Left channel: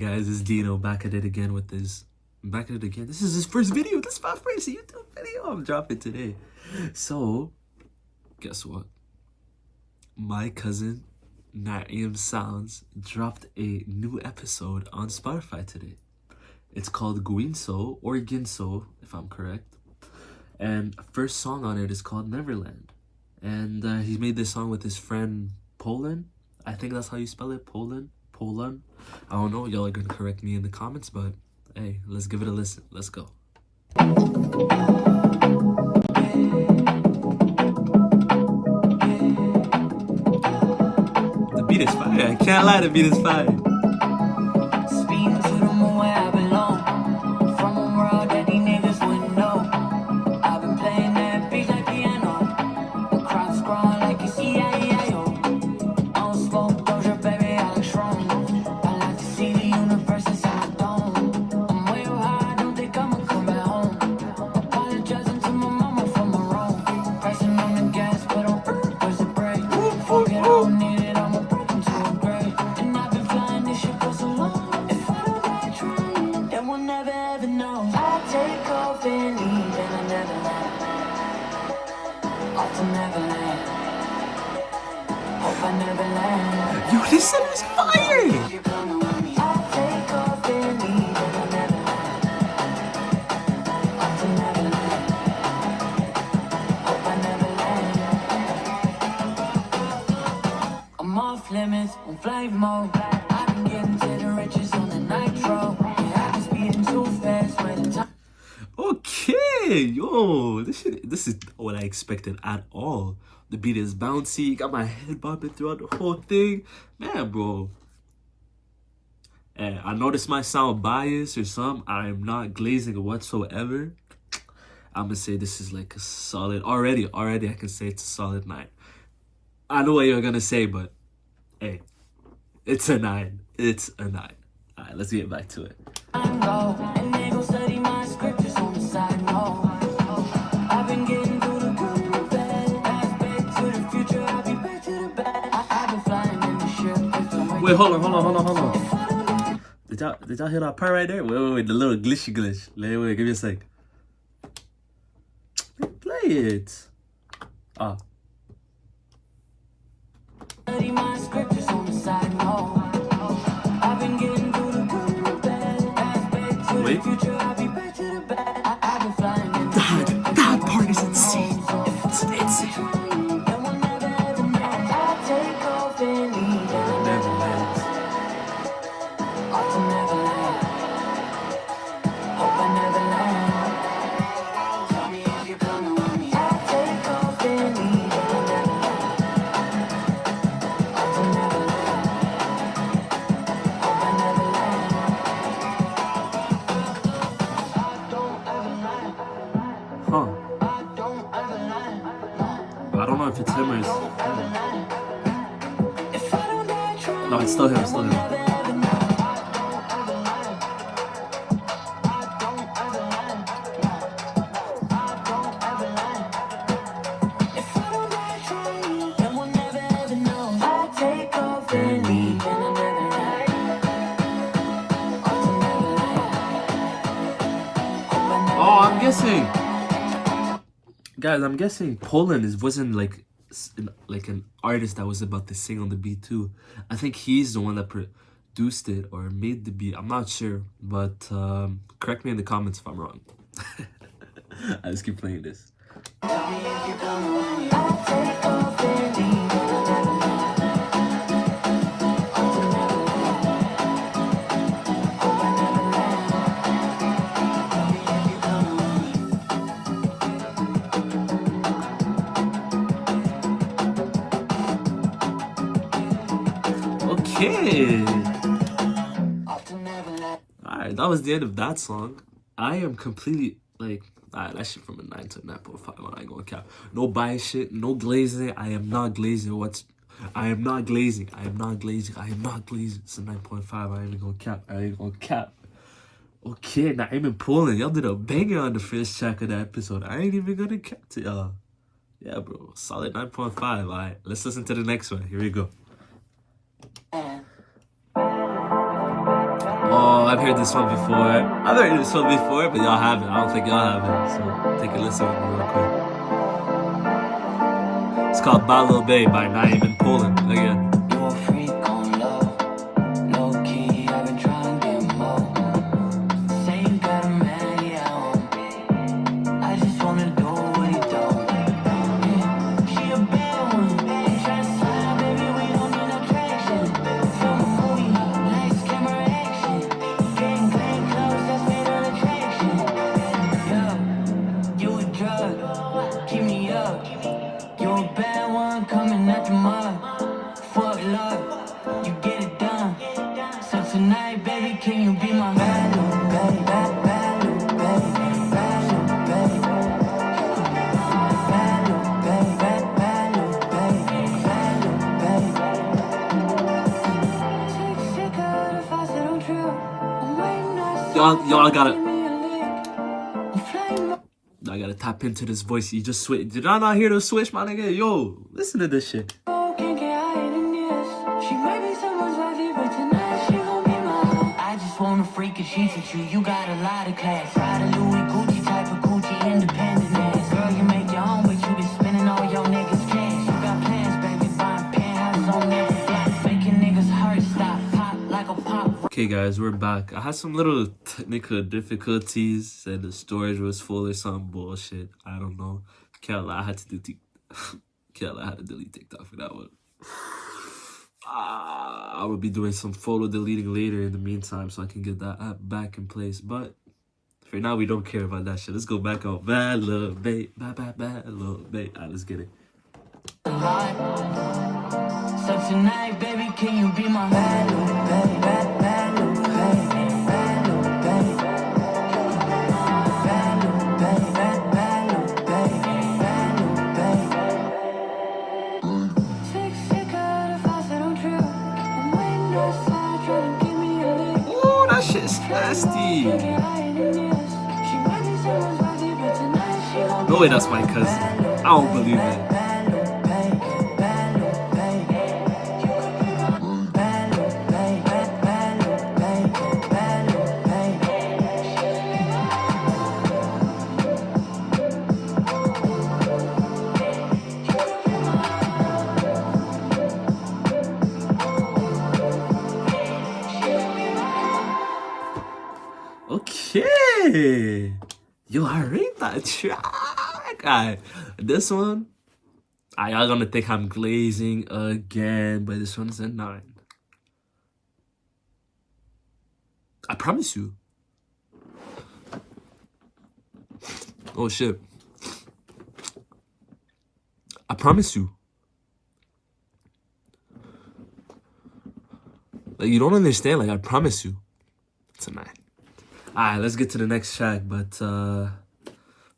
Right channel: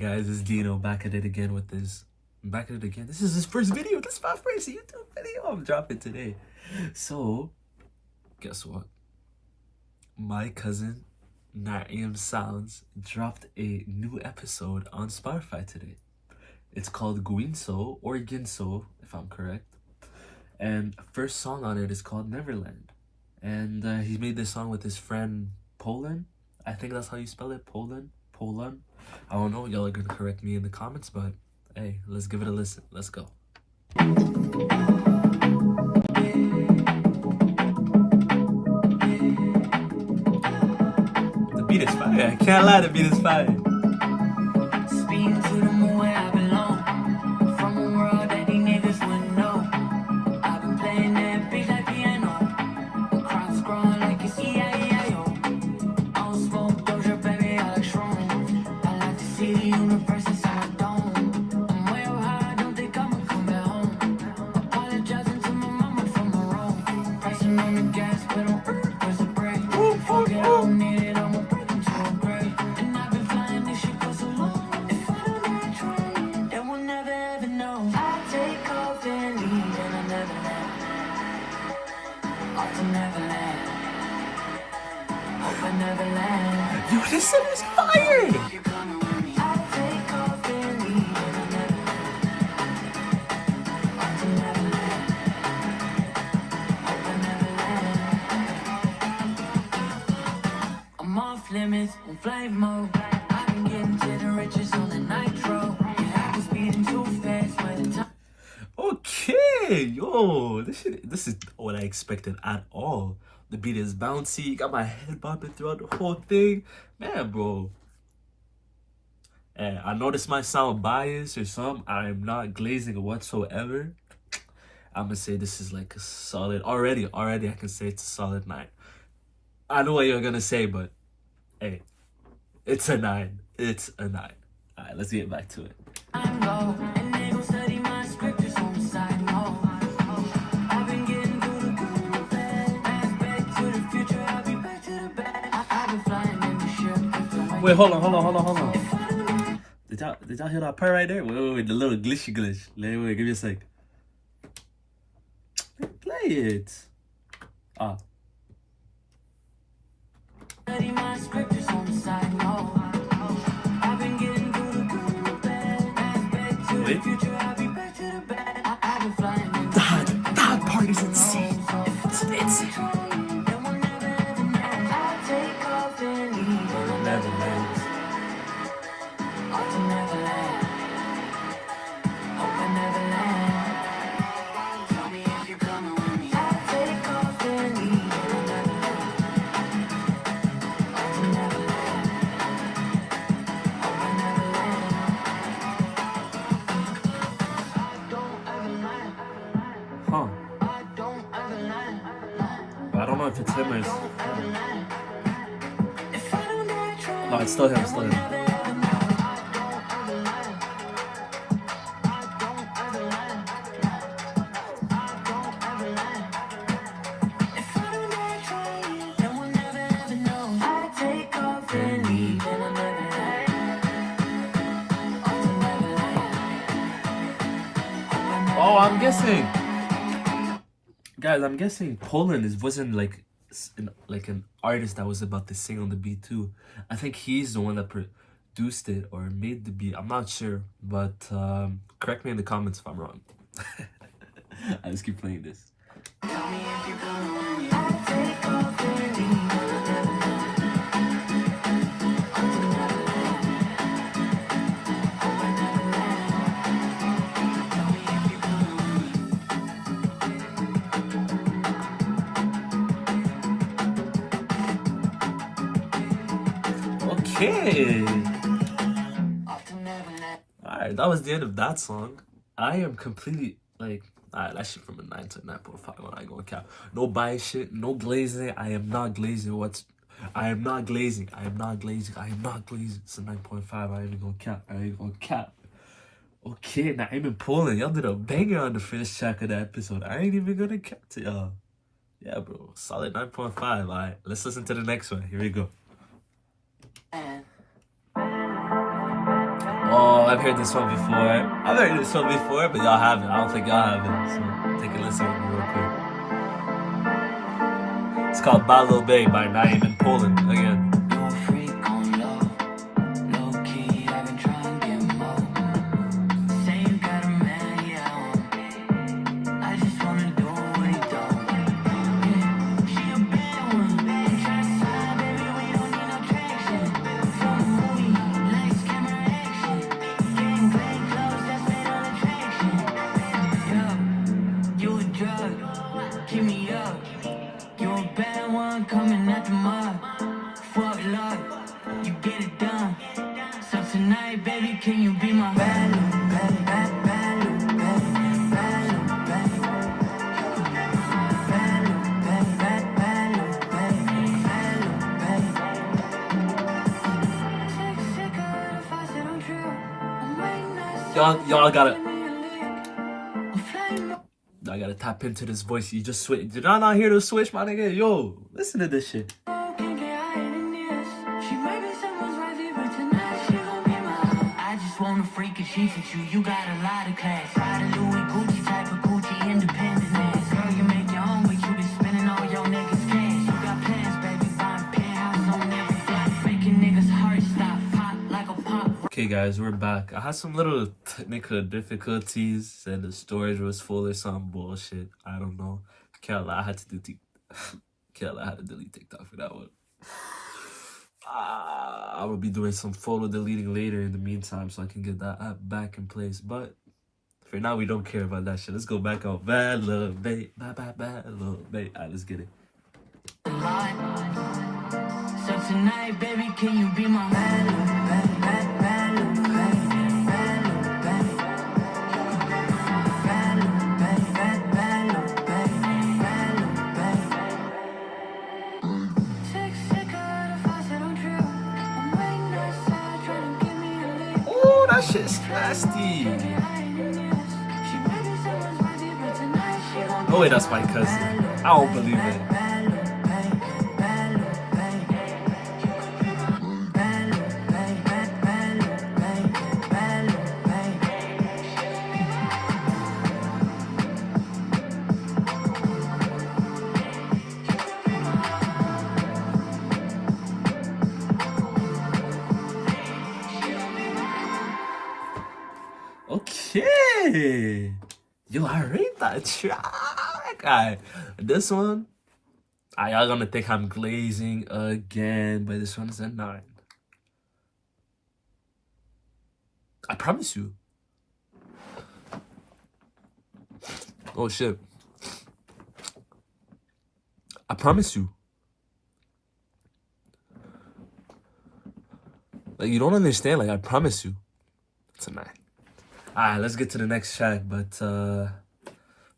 Guys, it's Dino back at it again with this. Back at it again. This is his first video. This is my first YouTube video I'm dropping today. So, guess what? My cousin Naiim Sounds dropped a new episode on Spotify today. It's called Guinso or Ginso, if I'm correct. And first song on it is called Neverland. And he made this song with his friend Poland. I think that's how you spell it, Poland. I don't know, y'all are gonna correct me in the comments, but hey, let's give it a listen. Let's go. The beat is fire. I can't lie, the beat is fire. Yo, this shit is fire! I'm off limits on flight mode. I've been getting to the riches on the nitro. I've been speeding too fast by the time. Okay, yo, this is what I expected at all. The beat is bouncy, got my head bobbing throughout the whole thing. Man, bro. And I know this might sound biased or something. I am not glazing whatsoever. I'm gonna say this is like a solid, already I can say it's a solid 9. I know what you're gonna say, but hey, it's a 9. It's a 9. All right, let's get back to it. Wait, hold on. Did y'all hear that part right there? Wait, the little glitch. Wait, give me a sec. Play it. Ah. Wait. That part is insane. It's insane. I don't know if it's him or no, it's still him. Oh, I'm guessing. Guys, I'm guessing Poland wasn't like an artist that was about to sing on the beat too. I think he's the one that produced it or made the beat. I'm not sure, but correct me in the comments if I'm wrong. I just keep playing this. Okay. Alright, that was the end of that song. I am completely like, alright, that shit from a 9 to 9.5. I ain't gonna cap. No bias shit, no glazing. I am not glazing. I am not glazing. It's a 9.5. I ain't gonna cap. Okay, Naiim and Poland, y'all did a banger on the first track of the episode. I ain't even gonna cap to y'all. Yeah, bro, solid 9.5. Alright, let's listen to the next one. Here we go. Oh, I've heard this one before. I've heard this one before, but y'all haven't. I don't think y'all haven't. So take a listen with me real quick. It's called Balo Bay by Naiim in Poland. Again. Tonight, baby, can you be my Y'all gotta I gotta tap into this voice. You just switch. Did I not hear the switch, my nigga? Yo, listen to this shit. Wanna freak and she's with you, you got a lot of class. Ride a Louis Gucci type of Gucci independent. Girl, you make your own, but you be spending all your niggas' cash. You got plans, baby, buying penthouses on every block, making niggas heart stop, pop like a pop. Okay, guys, we're back. I had some little technical difficulties. Said the storage was full or some bullshit. I don't know. Can't lie, I had to delete TikTok for that one. I will be doing some photo deleting later in the meantime so I can get that app back in place. But for now, we don't care about that shit. Let's go back out. Bad love, babe. Bad love, babe. Alright, let's get it. So tonight, baby, can you be my Shit's nasty. No way, that's my cousin. I don't believe it. Okay. Yo, I rate that track. Alright, this one, y'all gonna think I'm glazing again, but this one's a 9. I promise you. Oh shit. I promise you. Like, you don't understand. Like, I promise you. It's a 9. Alright, let's get to the next track, but a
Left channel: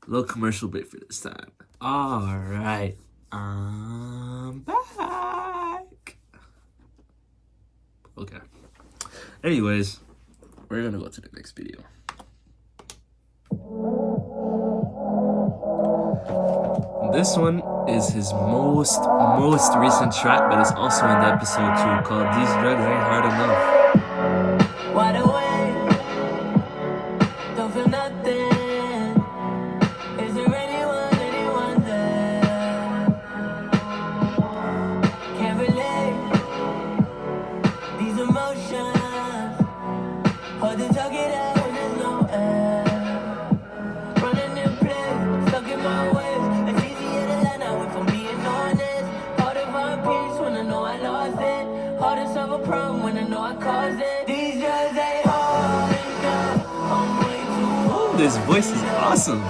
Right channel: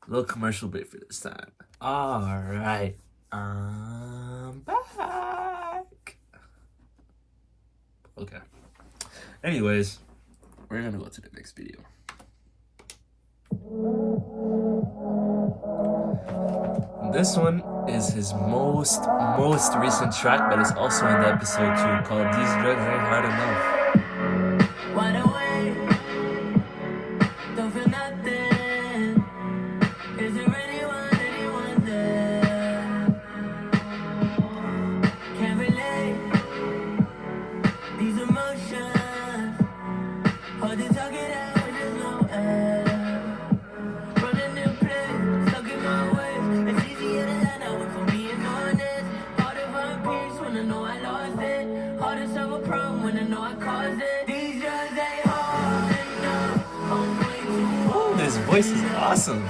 little commercial break for this time. Alright, I'm back. Okay. Anyways, we're gonna go to the next video. This one is his most recent track, but it's also in the episode 2, called These Drugs Ain't Hard Enough. Wide awake, don't feel nothing. Is there anyone there? Can't relate these emotions. Hard to talk it out when there's no air. Running in place, stuck in my ways. It's easier to lie now if I'm being honest. Hard to find peace when I know I lost it. Hard to solve a problem when I know I caused it. This voice is awesome.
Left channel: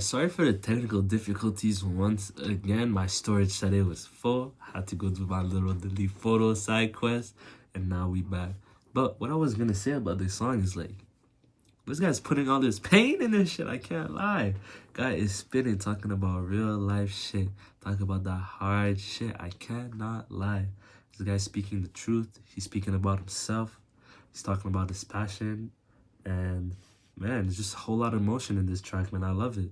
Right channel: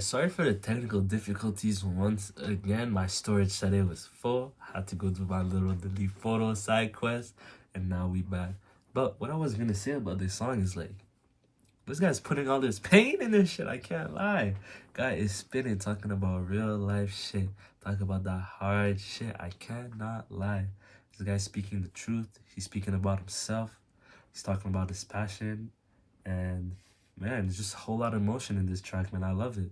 Sorry for the technical difficulties once again. My storage said it was full. I had to go do my little delete photo side quest, and now we back. But what I was gonna say about this song is like, this guy's putting all this pain in this shit. I can't lie. Guy is spinning, talking about real life shit, talking about that hard shit. I cannot lie. This guy's speaking the truth. He's speaking about himself. He's talking about his passion, and man, there's just a whole lot of emotion in this track, man. I love it.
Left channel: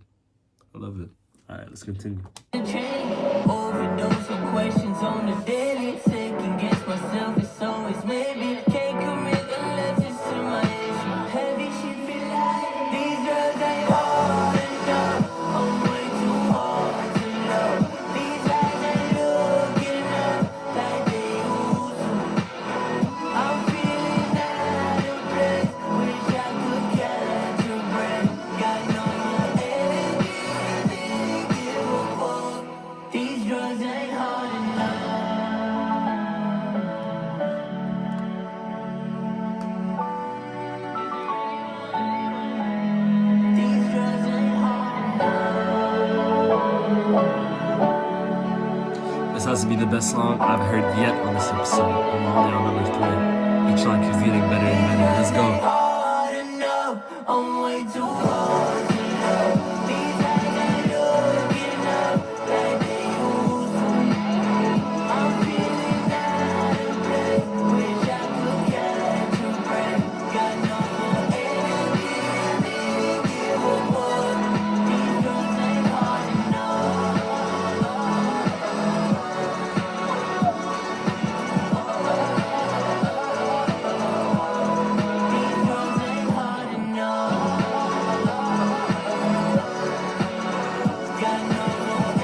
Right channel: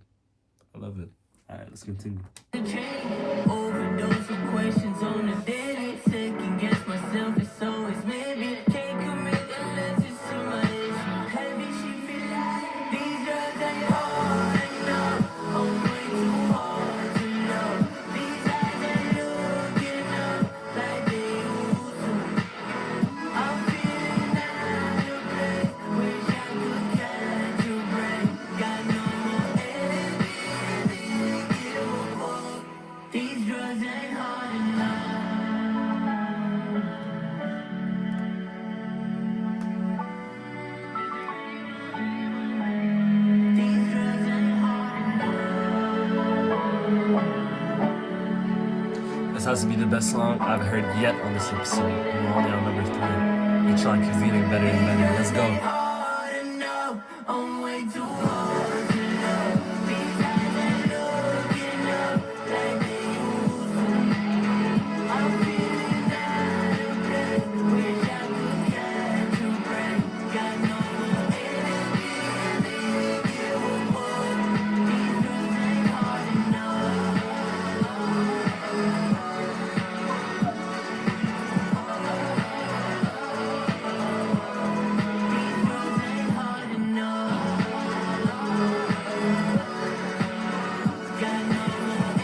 I love it. All right, let's continue. Overdose of questions on the daily. Second guess myself, it's always maybe. Can't commit unless it's in my head. Heavy, she feel like these drugs ain't hard enough. I'm way too hard to love. These eyes ain't looking up like they used to. I'm feeling out of place. Wish I could catch a break. Got no more everything to give a fuck. These drugs ain't hard enough. These drugs ain't hard enough. This has to be the best song I've heard yet on this episode. And we're only on number 3. Each song keeps getting better and better. Let's go. Hard enough. I'm way too hard to love. These eyes ain't looking up like they used to. I'm feeling out of place. Wish I could catch a break. Got no more everything to give a fuck. These drugs ain't hard enough. These drugs ain't hard enough. Got no more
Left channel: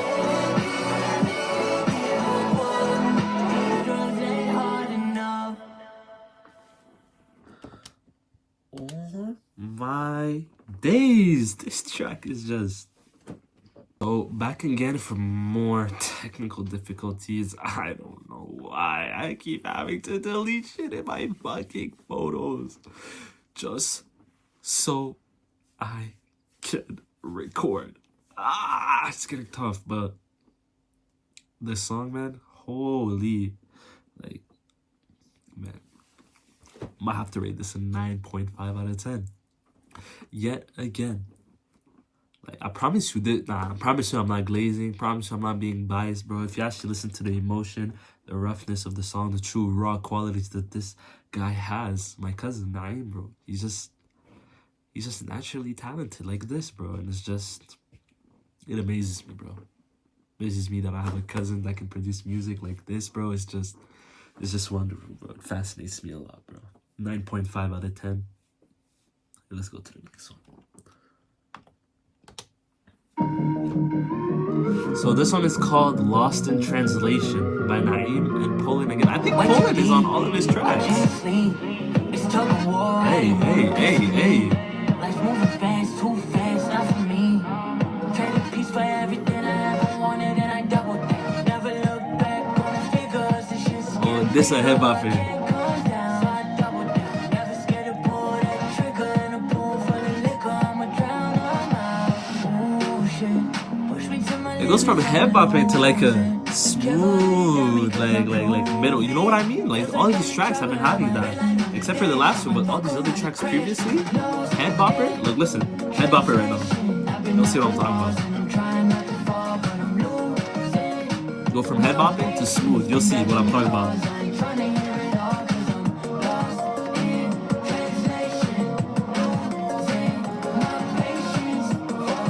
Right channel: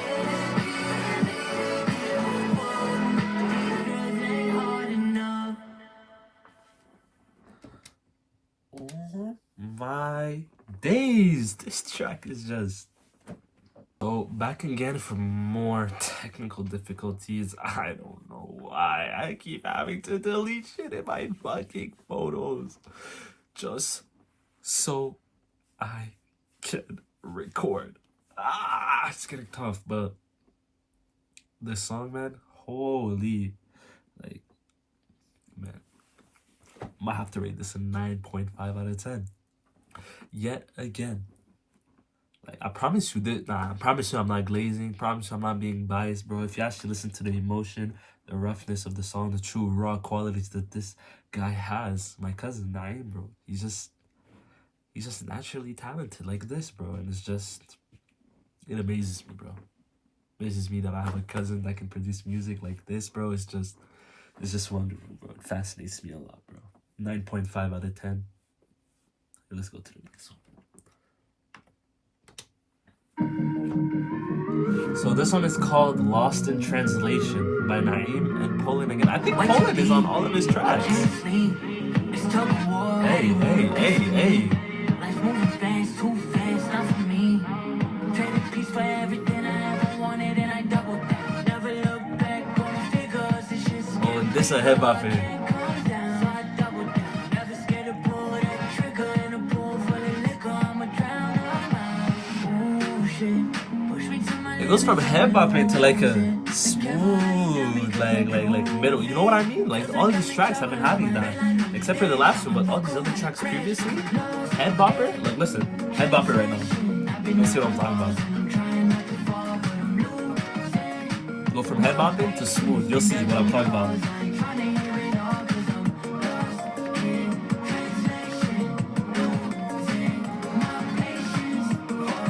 everything to give a fuck. These drugs ain't hard enough. Oh my days. This track is just... So, back again for more technical difficulties. I don't know why I keep having to delete shit in my fucking photos. Just so I can record. It's getting tough, but this song, man, holy, like, man, might have to rate this a 9.5 out of 10. Yet again, like, I promise you this. Nah, I promise you I'm not glazing. Promise you I'm not being biased, bro. If you actually listen to the emotion, the roughness of the song, the true raw qualities that this guy has, my cousin Naiim, bro, he's just naturally talented like this, bro. And it's just, it amazes me, bro. Amazes me that I have a cousin that can produce music like this, bro. It's just wonderful, bro. It fascinates me a lot, bro. 9.5 out of 10. Let's go to the next one. So this one is called Lost in Translation by Naiim and Poland again. I think Poland is on all of his tracks. Hey, hey, hey, hey. Life's moving fast, too fast, not for me. Traded peace for everything I ever wanted, and I doubled that. Never look back on the figures, this shit's Oh, this a hip hop fan. calm down, so I doubled down. Never scared to pull that trigger in a pool full of liquor. I'ma drown them out. Ooh, shit. Push me to my It goes from hip hop into like a smooth, like middle. You know what I mean? Like all of these tracks have been having that, except for the last one. But all these other tracks previously, head bopper. Like listen, head bopper right now. You'll see what I'm talking about. Go from head bopping to smooth. You'll see what I'm talking about.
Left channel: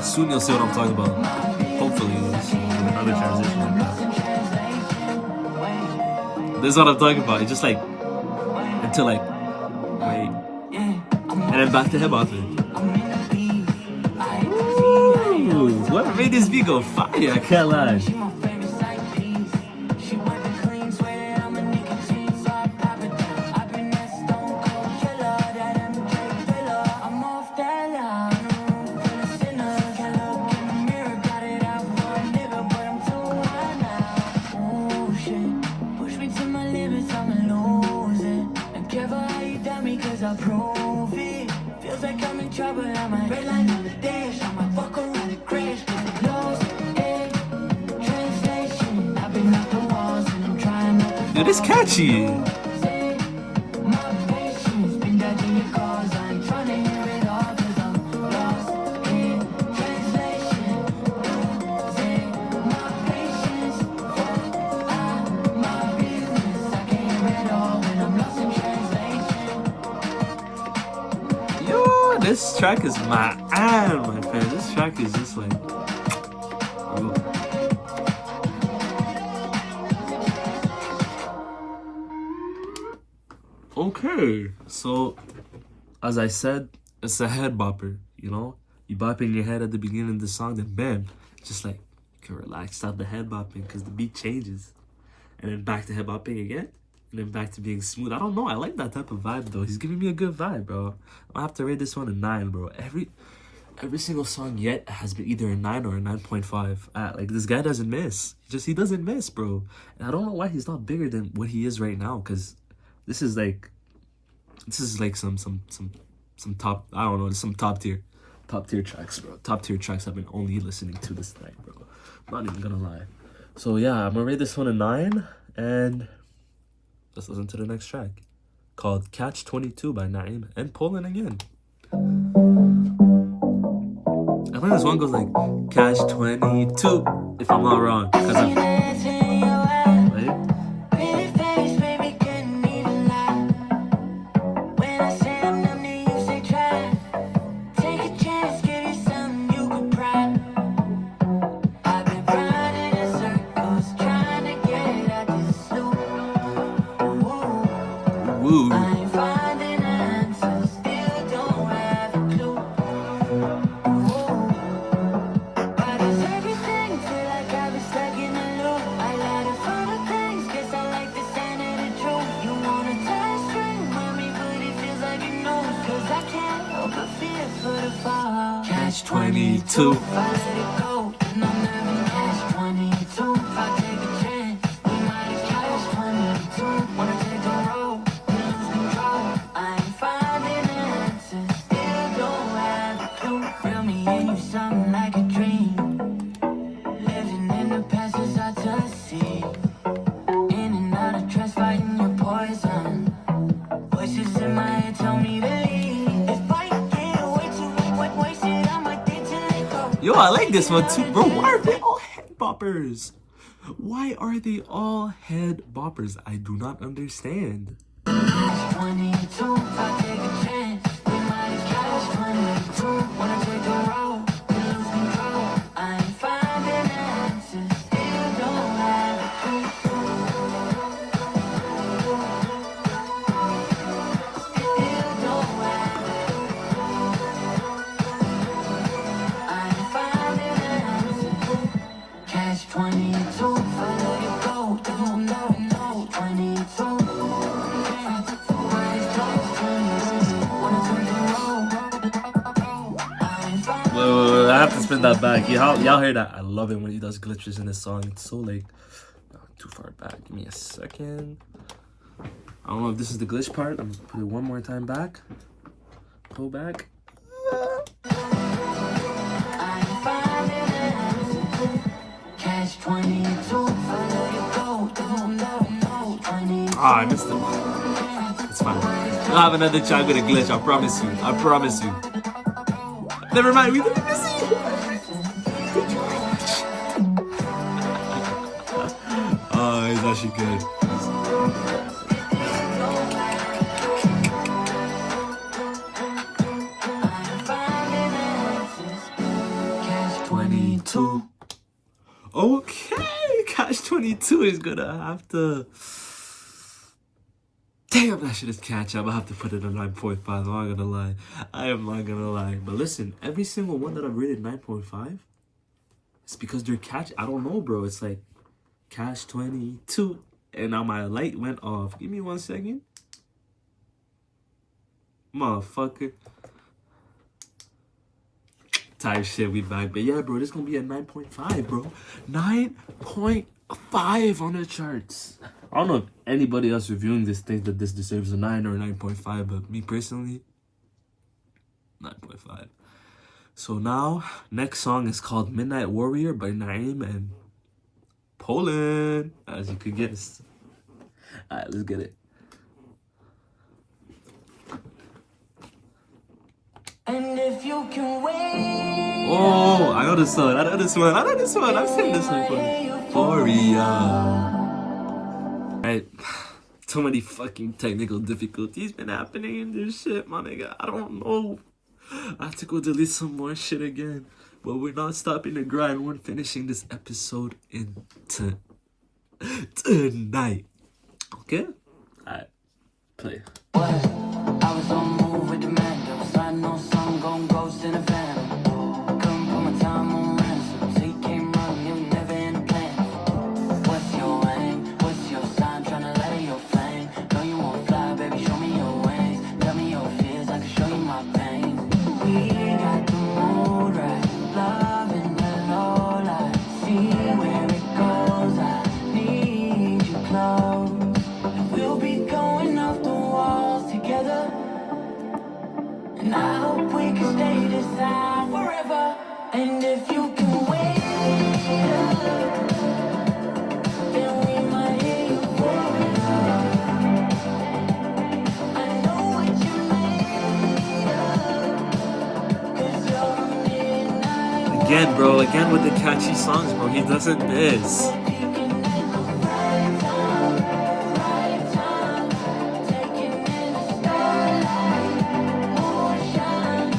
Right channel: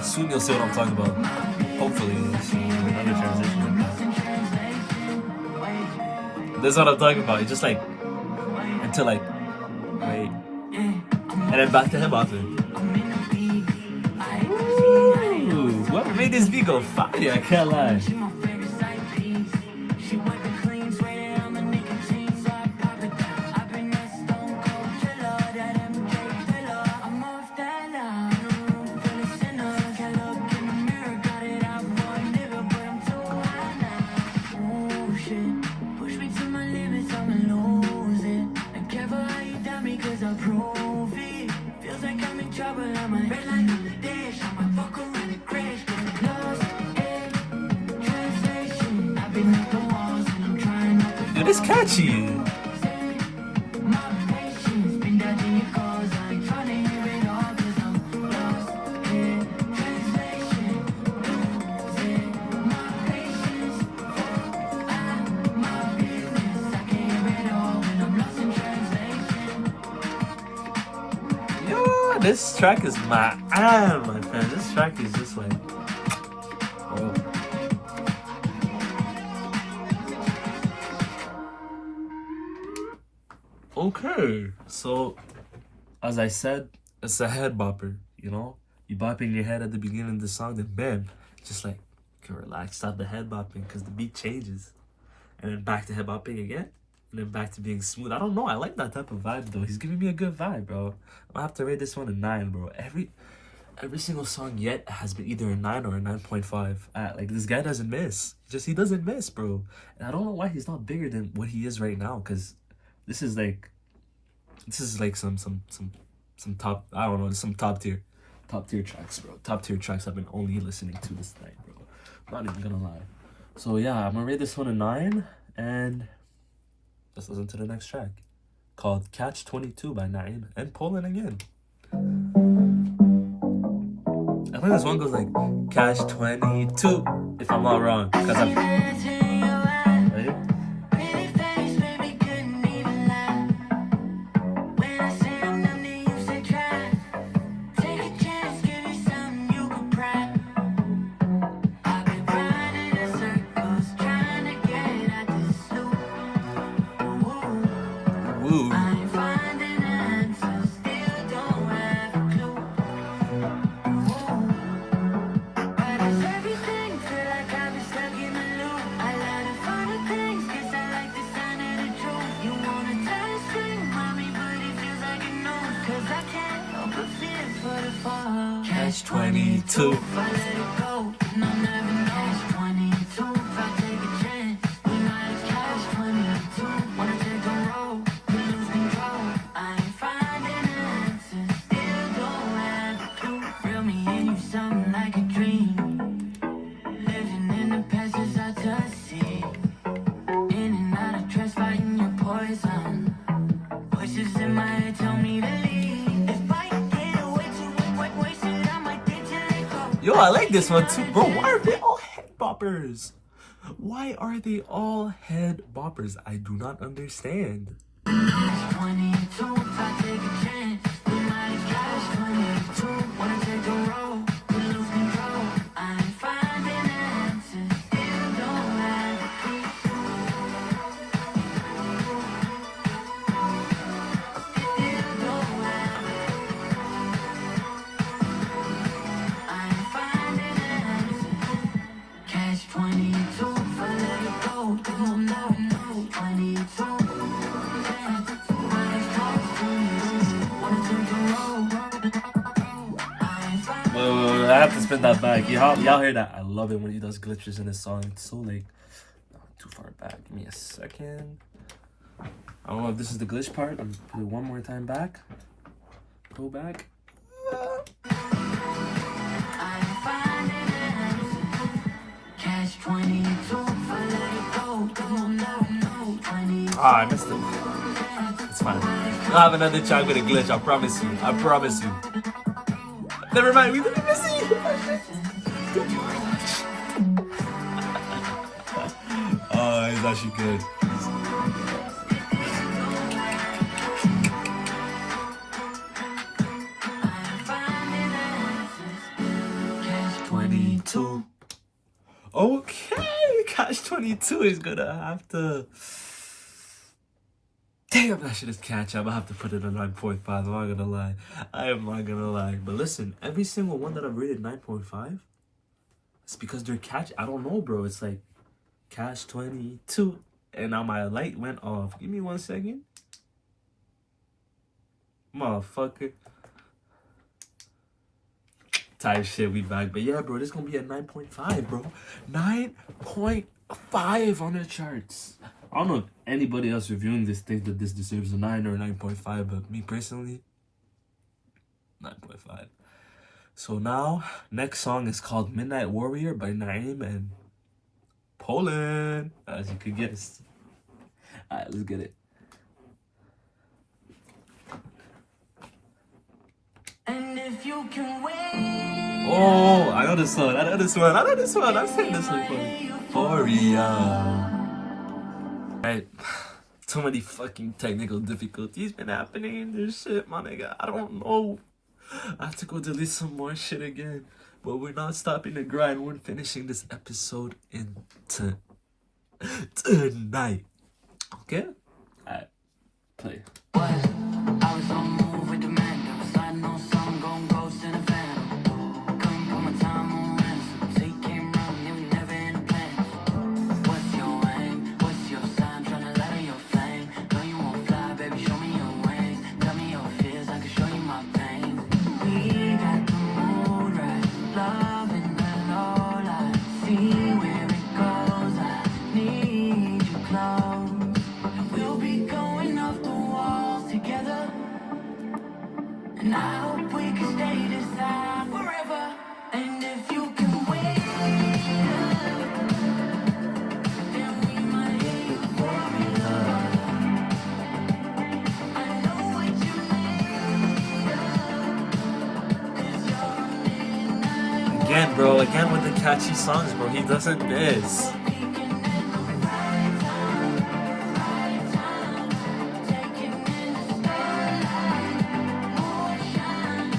Soon you'll see what I'm talking about. Hopefully, it's another transition like that. That's what I'm talking about. It's just like until like wait, and then back to hip hop. Ooh, what made this beat go fire? I can't lie. Dude, it's catchy. this track is my friend. This track is just like, oh. Okay, so as I said, it's a head bopper, you know? You bopping your head at the beginning of the song, then bam, just like, you can relax, stop the head bopping because the beat changes. And then back to head bopping again, and then back to being smooth. I don't know, I like that type of vibe though. He's giving me a good vibe, bro. I'm gonna have to rate this one a 9, bro. Every single song yet has been either a 9 or a 9.5. Like, this guy doesn't miss. He doesn't miss, bro. And I don't know why he's not bigger than what he is right now, because this is like some top, I don't know, some top tier tracks, bro. Top tier tracks I've been only listening to this night, bro. I'm not even gonna lie. So yeah, I'm gonna rate this one a 9, and let's listen to the next track, called Catch 22 by Naiim and Poland again. I think this one goes like Catch 22, if I'm not wrong, because I'm right? Woo. Catch 22. Yo, I like this one too, bro. Why are they all head boppers? Why are they all head boppers? I do not understand. I have to spin that back. Y'all hear that? I love it when he does glitches in his song. It's so like too far back. Give me a second. I don't know if this is the glitch part. I'm gonna put it one more time back. Go back. Ah, I missed it. It's fine. You'll have another track with a glitch. I promise you. I promise you. Never mind. We didn't miss it. Oh, it's actually good. 22. Okay, Catch 22 is gonna have to. Damn, that shit is catch. I'm gonna have to put it at 9.5. I'm not gonna lie. I am not gonna lie. But listen, every single one that I've rated 9.5, it's because they're catch. I don't know, bro. It's like Catch 22. And now my light went off. Give me 1 second. Motherfucker. Type shit, we back. But yeah, bro, this gonna be a 9.5, bro. 9.5 on the charts. I don't know if anybody else reviewing this thinks that this deserves a 9 or a 9.5, but me personally, 9.5. So now, next song is called Midnight Warrior by Naiim and Poland, as you could guess. Alright, let's get it. And if you can wait. Oh, I know this one. I've seen this one for Euphoria. Right. So many fucking technical difficulties been happening in this shit, my nigga. I don't know I have to go delete some more shit again. But we're not stopping the grind. We're finishing this episode tonight. Okay? Alright. Play. What? I was on move with the man. Sliding on some gon' ghost in a van. Couldn't put my time on ransom. So you came running, it was never in the plan. What's your aim? What's your sign? Tryna light up your flame. Know you won't fly, baby, show me your wings. Tell me your fears, I can show you my pain. We got the mood right. Love in the low light. See where it goes. I need you close. We'll be going off the walls together. And I hope we can stay this high forever. And if you can wait up, then we might hear you pouring up. I know what you made of, 'cause you're midnight. Again, bro. Again with the catchy songs, bro. He doesn't miss. Peeking at the right time, taking in the starlight, moonshine.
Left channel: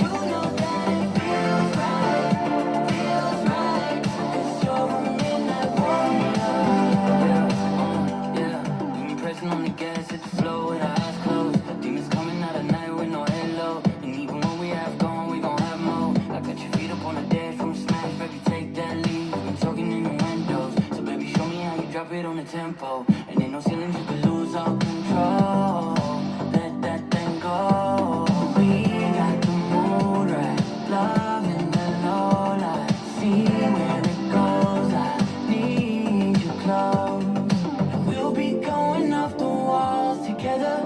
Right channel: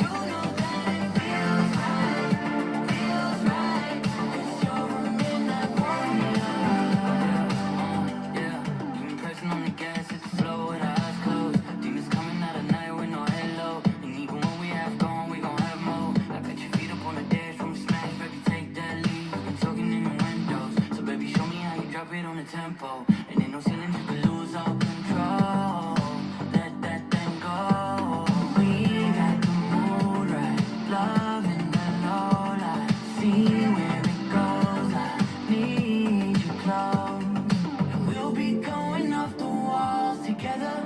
You know that it feels right, 'cause you're a midnight warrior. Yeah, you been pressing on the gas, hit the flow with our eyes closed. Demons coming out at night with no halo. And even when we have gone, we gon' have more. I got your feet up on the dash from smash, baby, take that lead. I'm talking in the windows, so baby, show me how you drop it on the tempo. And ain't no ceilings, you can lose all control. Let that thing go. We got the mood right, love in the low light. See where it goes. I need you close. And we'll be going off the walls together.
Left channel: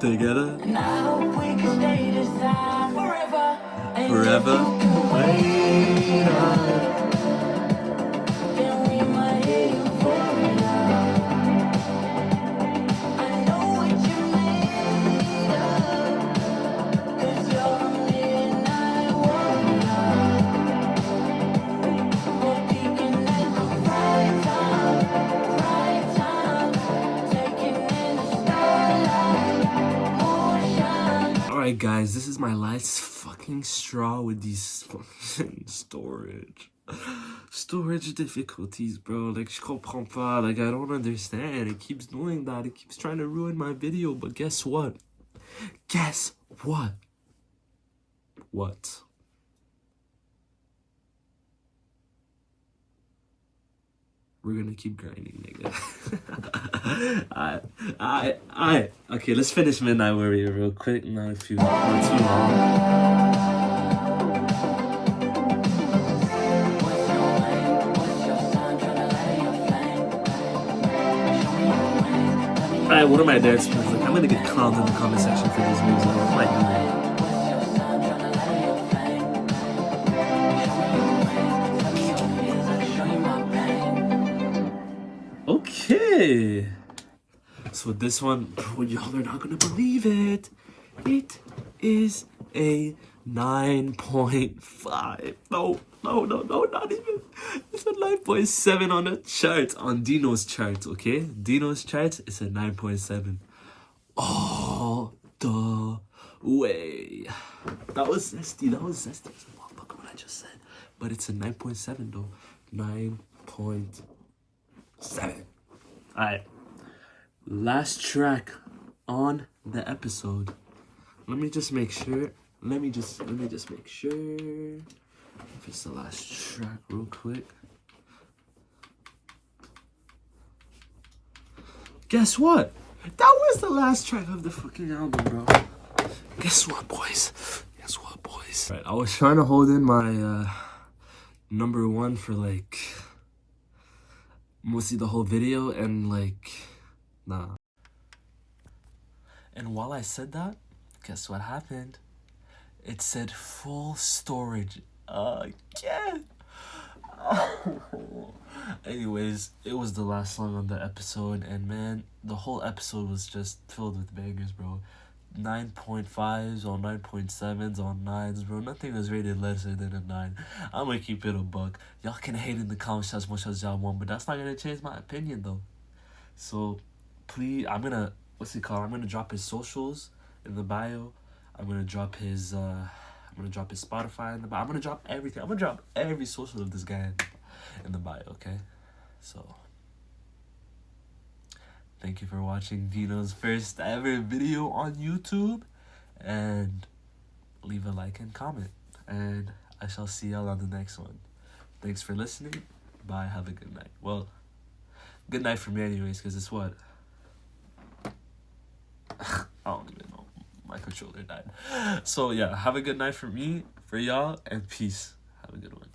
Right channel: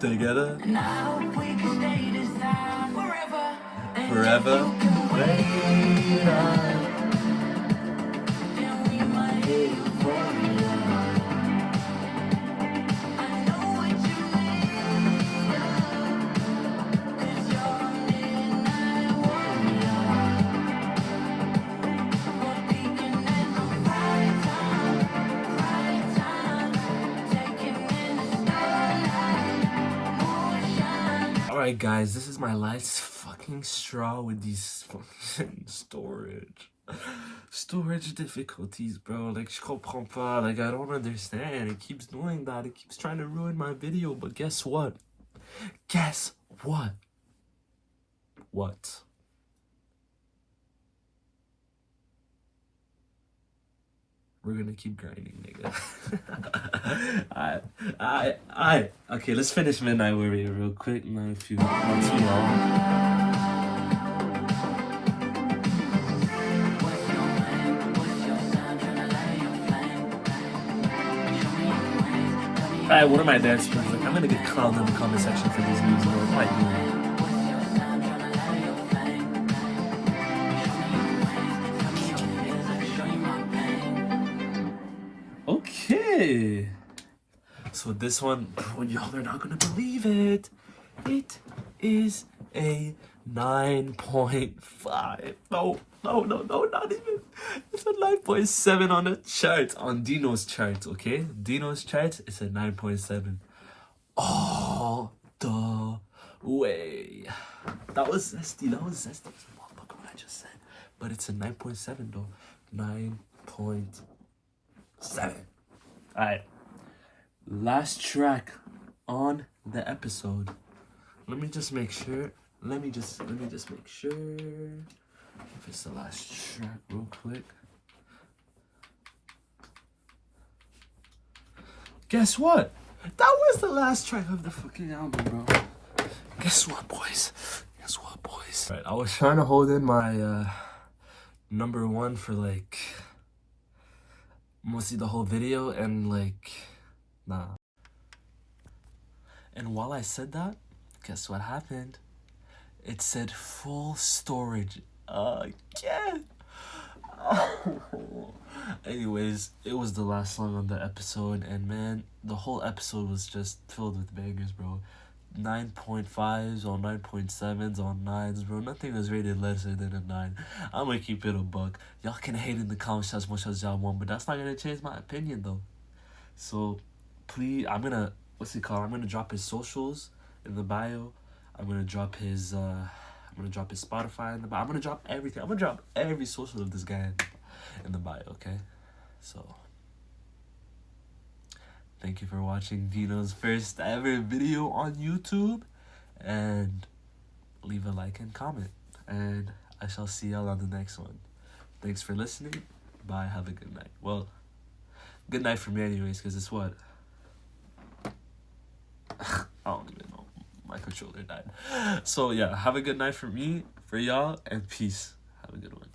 Together. And I hope we can stay this high forever. And Forever. if you can wait up, then we might hear you pouring up. I know what you made of, 'cause you're a midnight warrior. We're peeking at the right time, taking in the starlight, moonshine. Alright, guys. This is my last fucking straw with these fucking storage difficulties, bro. Like, je comprends pas. Like, I don't understand. It keeps doing that. It keeps trying to ruin my video. But guess what? Guess what? What? We're gonna keep grinding, nigga. Alright. Okay, let's finish Midnight Warrior real quick. Not too long. Alright, what are my dance moves? Like, I'm gonna get clowned in the comment section for these moves. Like, what am I doing? Okay. So this one, bro, y'all are not gonna believe it. It is a 9.5. No, not even. It's a 9.7 on the chart, on Dino's chart, okay? Dino's chart is a 9.7. All the way. That was zesty. Fuck what I just said. But it's a 9.7 though. 9.7. Alright. Last track on the episode. Let me just make sure. Let me just make sure if it's the last track real quick. Guess what? That was the last track of the fucking album, bro. Guess what, boys? Right, I was trying to hold in my number one for like mostly the whole video, and like, nah. And while I said that, guess what happened? It said full storage again. Anyways, it was the last song on the episode, and man, the whole episode was just filled with bangers, bro. 9.5s on 9.7s on 9s, bro. Nothing was rated lesser than a 9. I'm gonna keep it a buck. Y'all can hate in the comments as much as y'all want, but that's not gonna change my opinion though. So please, I'm gonna drop his socials in the bio. I'm gonna drop his Spotify in the bio. I'm gonna drop everything. I'm gonna drop every social of this guy in the bio, okay? So thank you for watching Dino's first ever video on YouTube, and leave a like and comment, and I shall see y'all on the next one. Thanks for listening. Bye. Have a good night. Well, good night for me anyways, because it's what? I don't even know. My controller died. So yeah, have a good night for me, for y'all, and peace. Have a good one.